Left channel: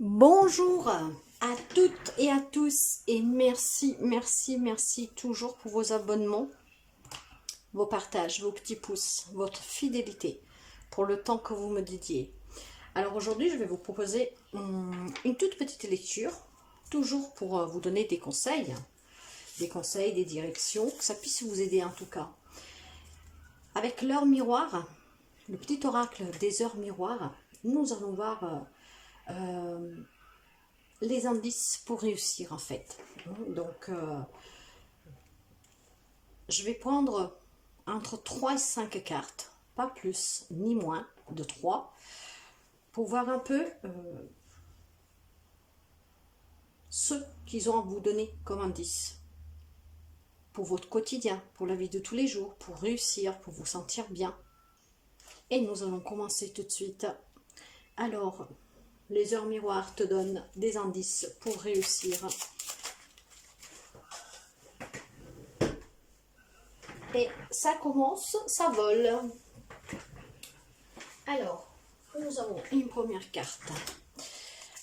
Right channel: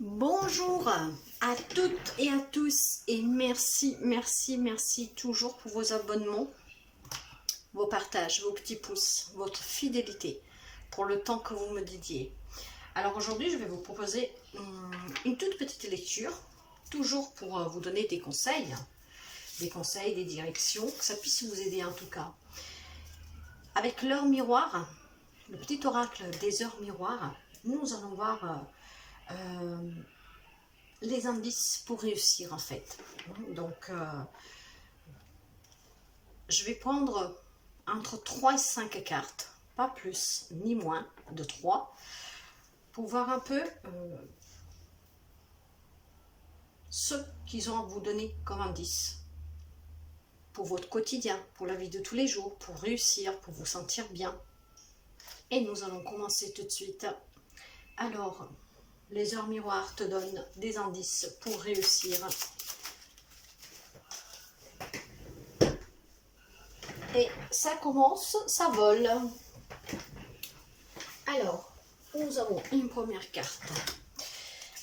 Bonjour à toutes et à tous et merci toujours pour vos abonnements, vos partages, vos petits pouces, votre fidélité, pour le temps que vous me dédiez. Alors aujourd'hui, je vais vous proposer une toute petite lecture, toujours pour vous donner des conseils, des directions, que ça puisse vous aider en tout cas. Avec l'heure miroir, le petit oracle des heures miroirs, nous allons voir les indices pour réussir en fait. Donc, je vais prendre entre 3 et 5 cartes, pas plus ni moins de 3, pour voir un peu ce qu'ils ont à vous donner comme indice pour votre quotidien, pour la vie de tous les jours, pour réussir, pour vous sentir bien. Et nous allons commencer tout de suite. Alors, les heures miroirs te donnent des indices pour réussir. Et ça commence, ça vole. Alors, nous avons une première carte.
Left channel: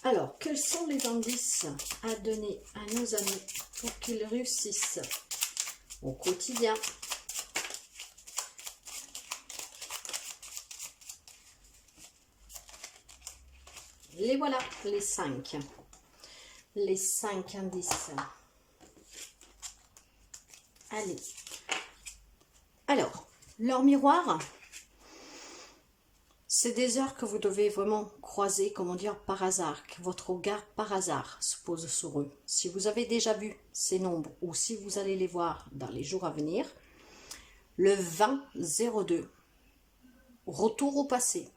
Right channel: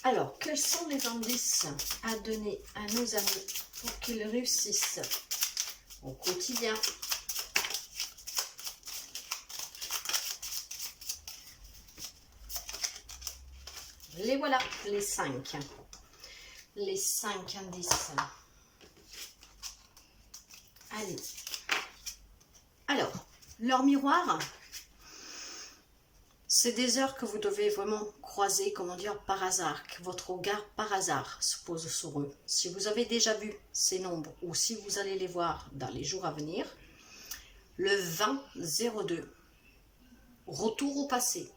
Alors, quels sont les indices à donner à nos amis pour qu'ils réussissent au quotidien? Les voilà, les 5. Les 5 indices. Allez. Alors, leur miroir, c'est des heures que vous devez vraiment croiser, comment dire, par hasard, que votre regard par hasard se pose sur eux. Si vous avez déjà vu ces nombres ou si vous allez les voir dans les jours à venir, le 20-02, retour au passé.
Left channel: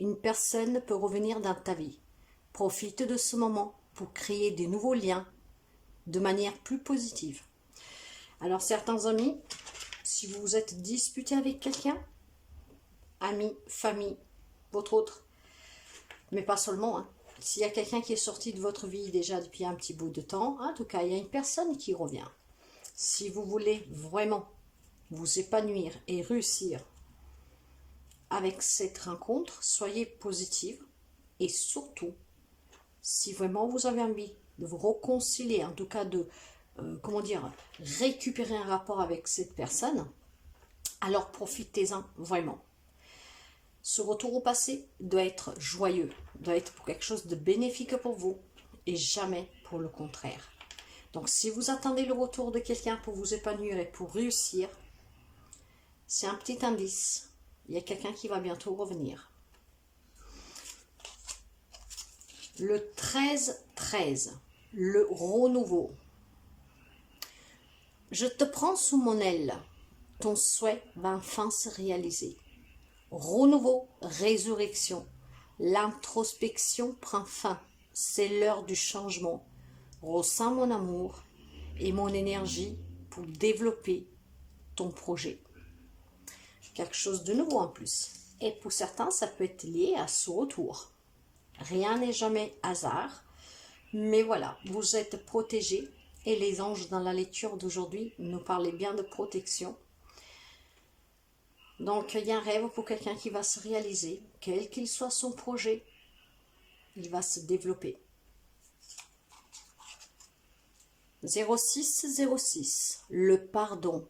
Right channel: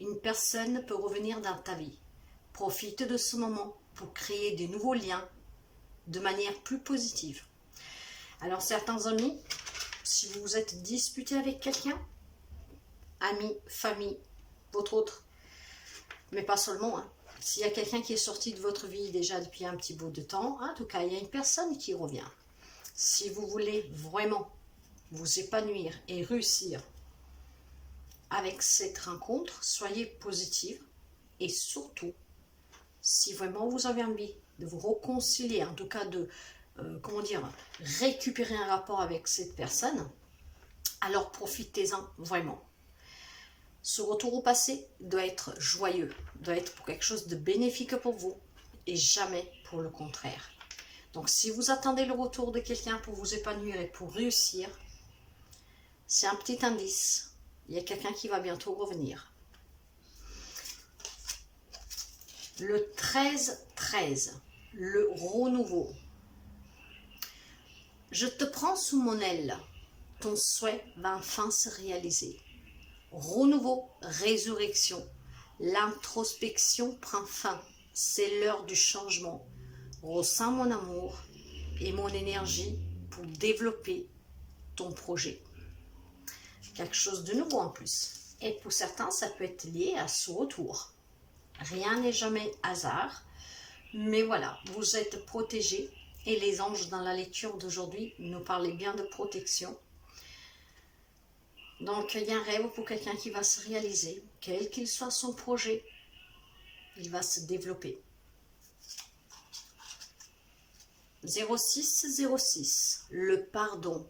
Une personne peut revenir dans ta vie. Profite de ce moment pour créer des nouveaux liens de manière plus positive. Alors certains amis, si vous vous êtes disputé avec quelqu'un, amis, famille, votre autre, mais pas seulement, s'il y a quelqu'un qui est sorti de votre vie déjà depuis un petit bout de temps, en tout cas il y a une personne qui revient. Si vous voulez vraiment vous épanouir et réussir avec cette rencontre, soyez positive et surtout, si vraiment vous avez envie de vous réconcilier, en tout cas de, comment dire, récupérer un rapport avec cette personne, alors profitez-en vraiment. Ce retour au passé doit être joyeux, doit être pour quelque chose de bénéfique pour vous et jamais pour le contraire. Donc si vous attendez le retour de quelqu'un pour vous épanouir et pour réussir, c'est un petit indice. Il y a quelqu'un qui va bientôt revenir. Le 13-13, le renouveau. Je te prends sous mon aile, ton souhait va enfin se réaliser. Renouveau, résurrection, l'introspection prend fin, c'est l'heure du changement. Ressens mon amour et mon énergie pour développer ton projet. Quelque chose de nouveau en plus. Et pour certains, ça peut être lié à ce retour. Rien n'est jamais hasard, mais voilà, vous êtes protégés et les anges dans la lecture d'aujourd'hui nous parlaient bien de protection. Donc il y a un rêve pour quelqu'un qui va se réaliser, quel qu'il soit son projet, il va se développer. 06-06, le pardon.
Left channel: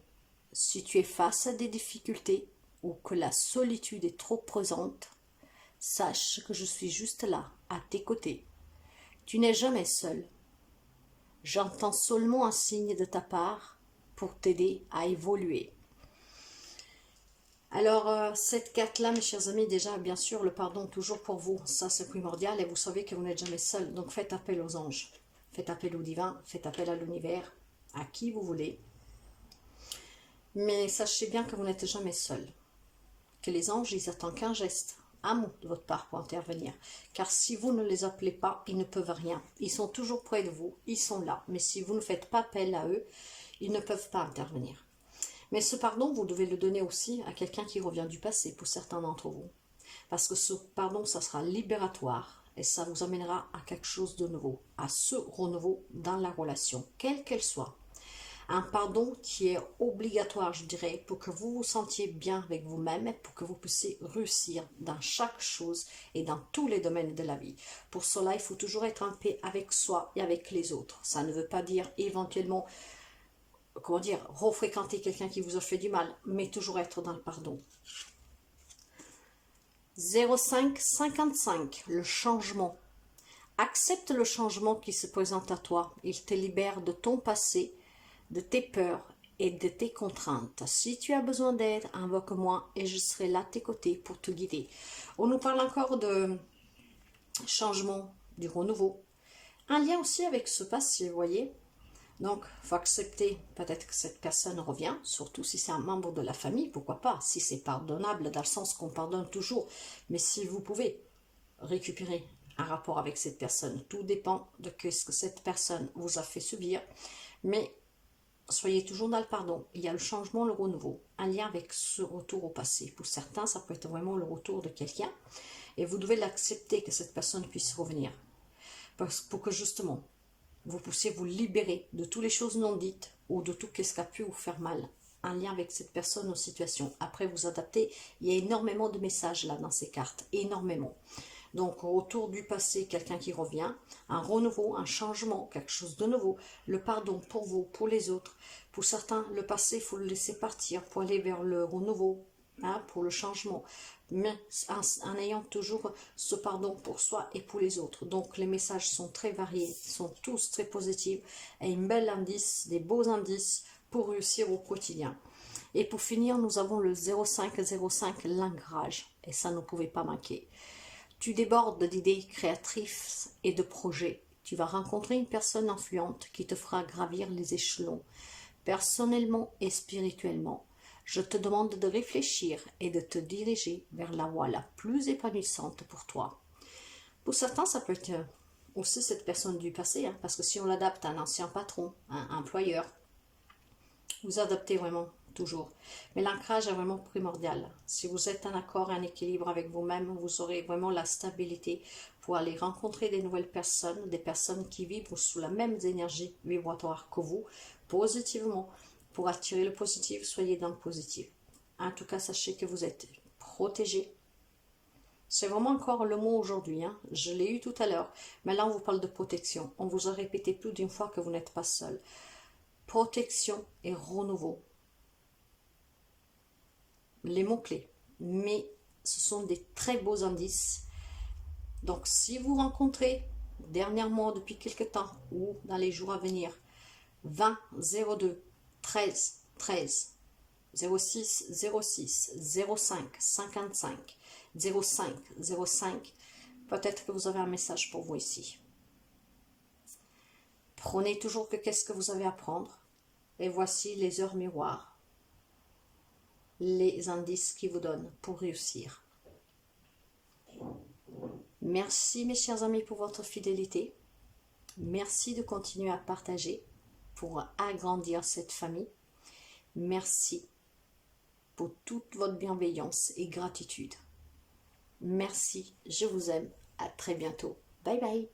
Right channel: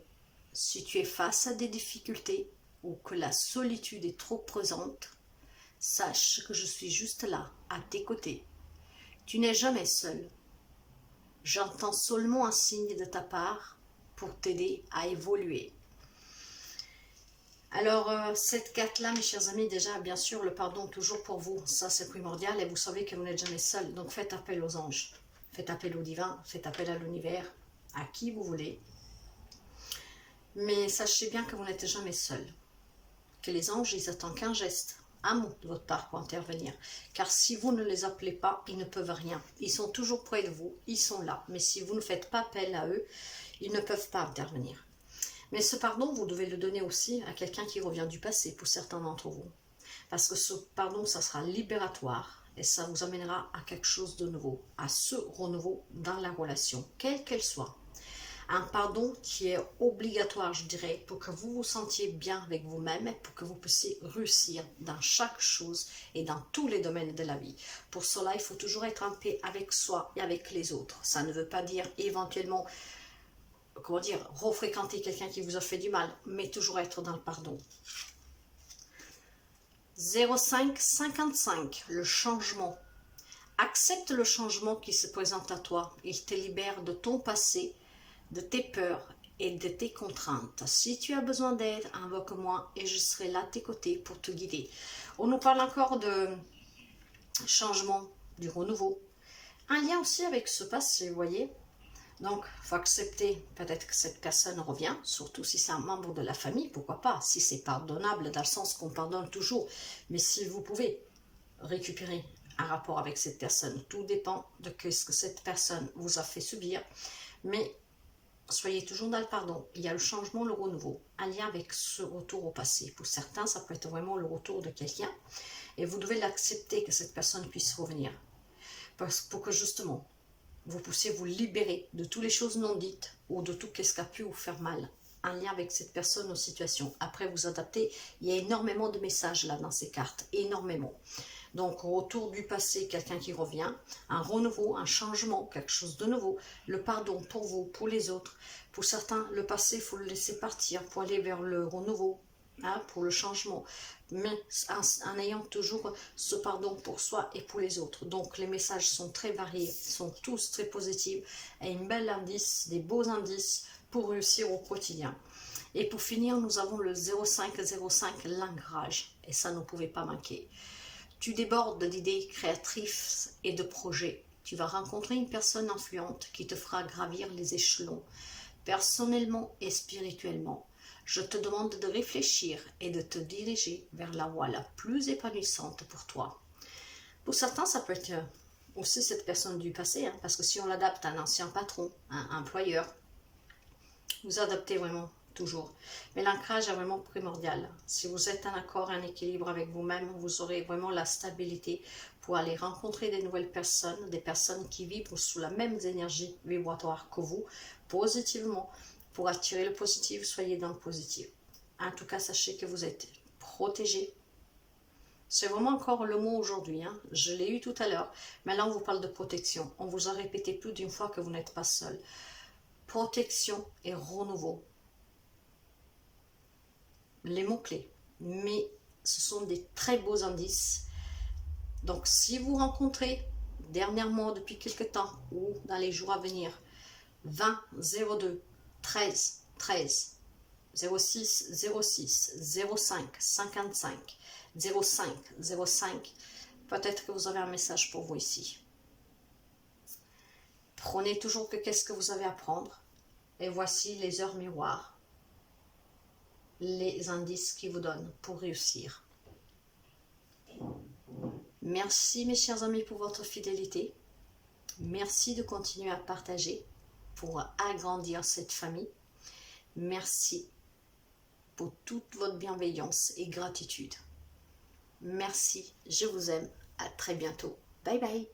Si tu es face à des difficultés ou que la solitude est trop présente, sache que je suis juste là, à tes côtés. Tu n'es jamais seul. J'entends seulement un signe de ta part pour t'aider à évoluer. Alors, cette carte-là, mes chers amis, déjà, bien sûr, le pardon toujours pour vous, ça c'est primordial et vous savez que vous n'êtes jamais seul. Donc, faites appel aux anges, faites appel au divin, faites appel à l'univers, à qui vous voulez. Mais sachez bien que vous n'êtes jamais seul. Que les anges, ils attendent qu'un geste, un mot de votre part pour intervenir. Car si vous ne les appelez pas, ils ne peuvent rien. Ils sont toujours près de vous, ils sont là. Mais si vous ne faites pas appel à eux, ils ne peuvent pas intervenir. Mais ce pardon, vous devez le donner aussi à quelqu'un qui revient du passé, pour certains d'entre vous. Parce que ce pardon, ça sera libératoire et ça vous amènera à quelque chose de nouveau, à ce renouveau dans la relation, quelle qu'elle soit. Un pardon qui est obligatoire, je dirais, pour que vous vous sentiez bien avec vous-même, pour que vous puissiez réussir dans chaque chose et dans tous les domaines de la vie. Pour cela, il faut toujours être en paix avec soi et avec les autres. Ça ne veut pas dire éventuellement, comment dire, refréquenter quelqu'un qui vous a fait du mal, mais toujours être dans le pardon. 0555, le changement. Accepte le changement qui se présente à toi. Il te libère de ton passé, de tes peurs et de tes contraintes. Si tu as besoin d'aide, invoque-moi et je serai là à tes côtés pour te guider. On nous parle encore de changement, du renouveau. Un lien aussi avec ce passé, vous voyez. Donc, il faut accepter peut-être que cette personne revient, surtout si c'est un membre de la famille, pourquoi pas, si c'est pardonnable, dans le sens qu'on pardonne toujours. Mais si vous pouvez récupérer un rapport avec cette personne, tout dépend de ce que cette personne vous a fait subir. Mais soyez toujours dans le pardon. Il y a le changement, le renouveau, un lien avec ce retour au passé. Pour certains, ça peut être vraiment le retour de quelqu'un. Et vous devez l'accepter que cette personne puisse revenir. Pour que justement, vous puissiez vous libérer de toutes les choses non dites ou de tout ce qui a pu vous faire mal. Un lien avec cette personne ou situation. Après, vous adaptez. Il y a énormément de messages là dans ces cartes. Énormément. Donc, autour du passé, quelqu'un qui revient, un renouveau, un changement, quelque chose de nouveau, le pardon pour vous, pour les autres. Pour certains, le passé, il faut le laisser partir pour aller vers le renouveau, hein, pour le changement, mais en ayant toujours ce pardon pour soi et pour les autres. Donc, les messages sont très variés, sont tous très positifs, et un bel indice, des beaux indices pour réussir au quotidien. Et pour finir, nous avons le 0505, l'ancrage, et ça ne pouvait pas manquer. Tu débordes d'idées créatrices et de projets. Tu vas rencontrer une personne influente qui te fera gravir les échelons, personnellement et spirituellement. Je te demande de réfléchir et de te diriger vers la voie la plus épanouissante pour toi. Pour certains, ça peut être aussi cette personne du passé, hein, parce que si on l'adapte à un ancien patron, un employeur, vous adaptez vraiment toujours. Mais l'ancrage est vraiment primordial. Si vous êtes en accord, en équilibre avec vous-même, vous aurez vraiment la stabilité pour aller rencontrer des nouvelles personnes, des personnes qui vibrent sous la même énergie vibratoire que vous, positivement. Pour attirer le positif, soyez dans le positif. En tout cas, sachez que vous êtes protégé. C'est vraiment encore le mot aujourd'hui, hein. Je l'ai eu tout à l'heure. Mais là, on vous parle de protection. On vous a répété plus d'une fois que vous n'êtes pas seul. Protection et renouveau. Les mots-clés. Mais ce sont des très beaux indices. Donc, si vous rencontrez dernièrement, depuis quelque temps, ou dans les jours à venir, 20 02 13 13 06 06 05 55 05 05, peut-être que vous avez un message pour vous ici. Prenez toujours que qu'est-ce que vous avez à prendre. Et voici les heures miroirs, les indices qui vous donnent pour réussir. Merci mes chers amis pour votre fidélité. Merci de continuer à partager pour agrandir cette famille. Merci pour toute votre bienveillance et gratitude. Merci, je vous aime. À très bientôt. Bye bye.